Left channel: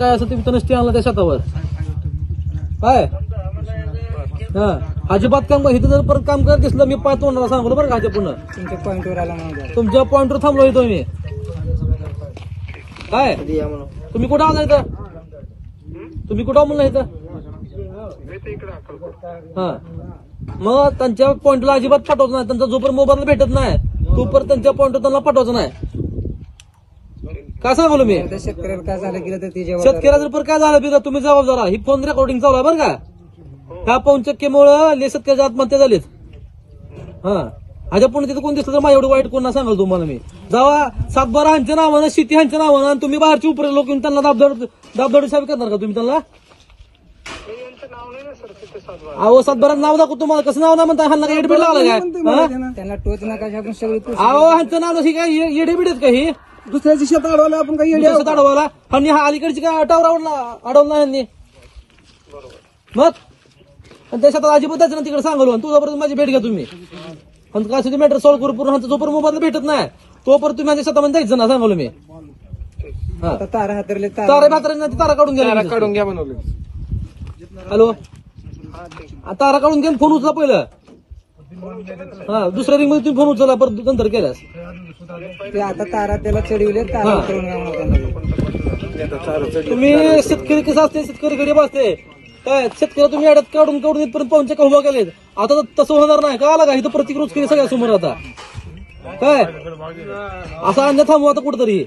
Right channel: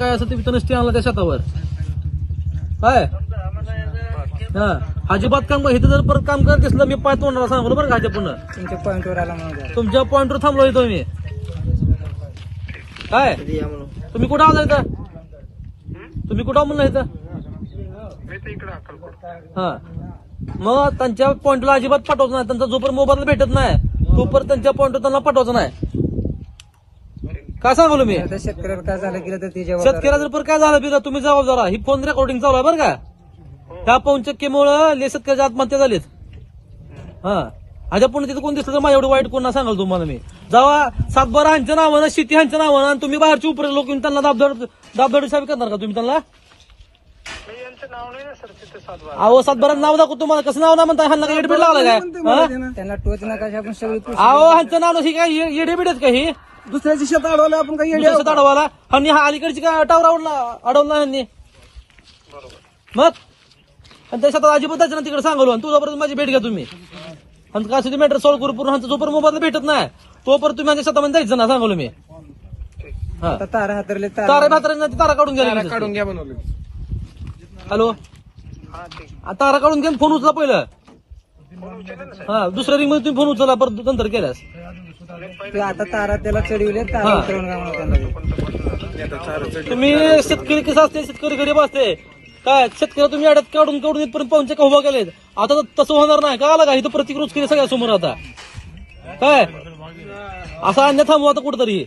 काय असं तुम्ही नसते आणला त्या शेतावर काय हा अजिबात काम इथं जर परत काम करत दिसलं मी पाय तोंडाला सांगलो बरं का पुन्हा तुमच्या पॉईंटवर आला म्हणून तुमच्या पॉइंटवर थांबलो येतो मी काय तुम्ही कुठं आला इथं तुम्ही कुठं म्हणलं इथं हा मग त्यांच्या पॉइंटला अजिबात पाठवायचं नाही त्यांचा जोपर्यंत मोबाईल भेटत नाही तोपर्यंत त्यांच्या पॉइंटवर त्यांना पाठवायचं नाही काय सांगलो मी शेतकऱ्याला काय झालं गेलं तर ती शेतकऱ्याला जर पण काय झालं बिरा तुम्ही जबाब जरा ही फोन रेकॉर्डिंग चालू आहे बरं का ह्या पवनचक्कीमुळं शेतकऱ्याच्या आत्महत्या झालीत हा अशा पुणे तिथं कोण दिसलं तर माझ्या एवढं वाईट कोणा सांगाल तुम्हाला मी जेव्हा सातबारा ह्यांच्या नावानं शेती ह्यांच्या नावानं आणि तुम्ही बाहेरची उपरे लोक त्यांना दाबदाडी साहेब करणार का तुम्ही त्यांना अहो सातबाराचं नाव दाखवतो तुम्हाला कसं नाव ना म्हणता ह्यांना काही एडबिट लागलं काय त्यांना टोच नका आपण सगळी अहो ह्यांचं नाव ही काय एडबिट आहेत का ही दुसऱ्याची शेत अडवलं आपण काही शेत अडवाला आणि हा अलीकडची काय टावर अडवला ह्यांनी मग आणि त्या शेतात अजिबात जायचं ना तिकडे सांगलो आणि तुझ्यापर्यंत माझी भेट घ्या तुम्ही आणि काय मॅटर सॉल्व्ह करू पूर्ण जोपर्यंत मोबाईल भेटत नाही तोपर्यंत तुम्ही माझ्या शेतामध्ये जायचं ना सांगलो मी तारा हातरले तारा तारा काढून घ्या काढून घ्या बनवले हॅलो तारा काढून घ्या फोन उचला पहिलं हा दुसऱ्या रिंग मध्ये तुम्ही फोन उचलला परत नंतर केल्यास आता तारा त्याला चढविले तुम्ही शेतकरी कसं असते शेतकरी गरीब असते काय शेतकरी तुम्ही अड्यात काढून इथपर्यंत पाहुणचे का उभा केलेत आता तसं होणार नाही का आला का इथं प्रत्येक रोज केली सगळ्या समोर आता काय असा अन्य थांबू आता कुठतरी